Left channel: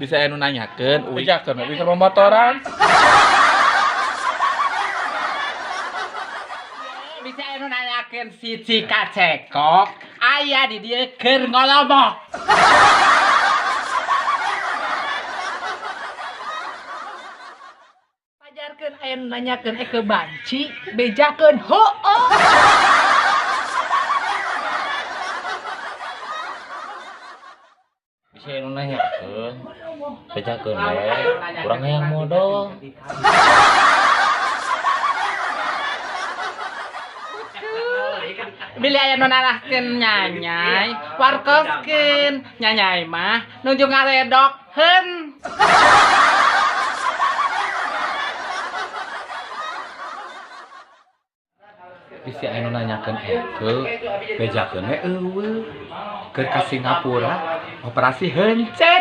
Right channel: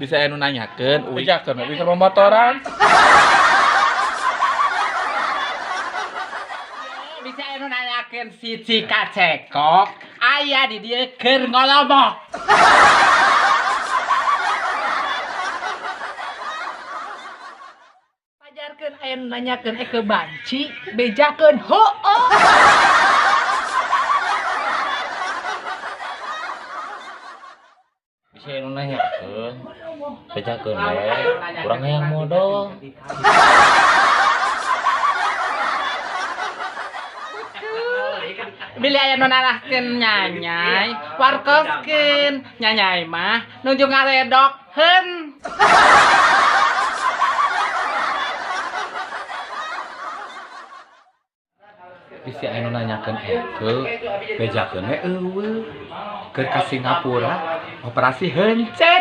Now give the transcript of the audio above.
Bisa anu nanyakeun, bejakeun bisa pemotoran. Bisa anu nanyakeun si Cika Cekok aya di dieu keur ngolomok. Pajarkeun aya nu nanyakeun ke banci, bejakeun heueuh. Bisa nu nanyakeun, bejakeun we, urang hayang modal. Bila aya nu narahkeun nyanyai, warkoskeun. Nyanyai mah nuju ngaledokkeun. Bisa anu nanyakeun bejakeun we eueuh. Keur ka Singapura, operasi heuncet.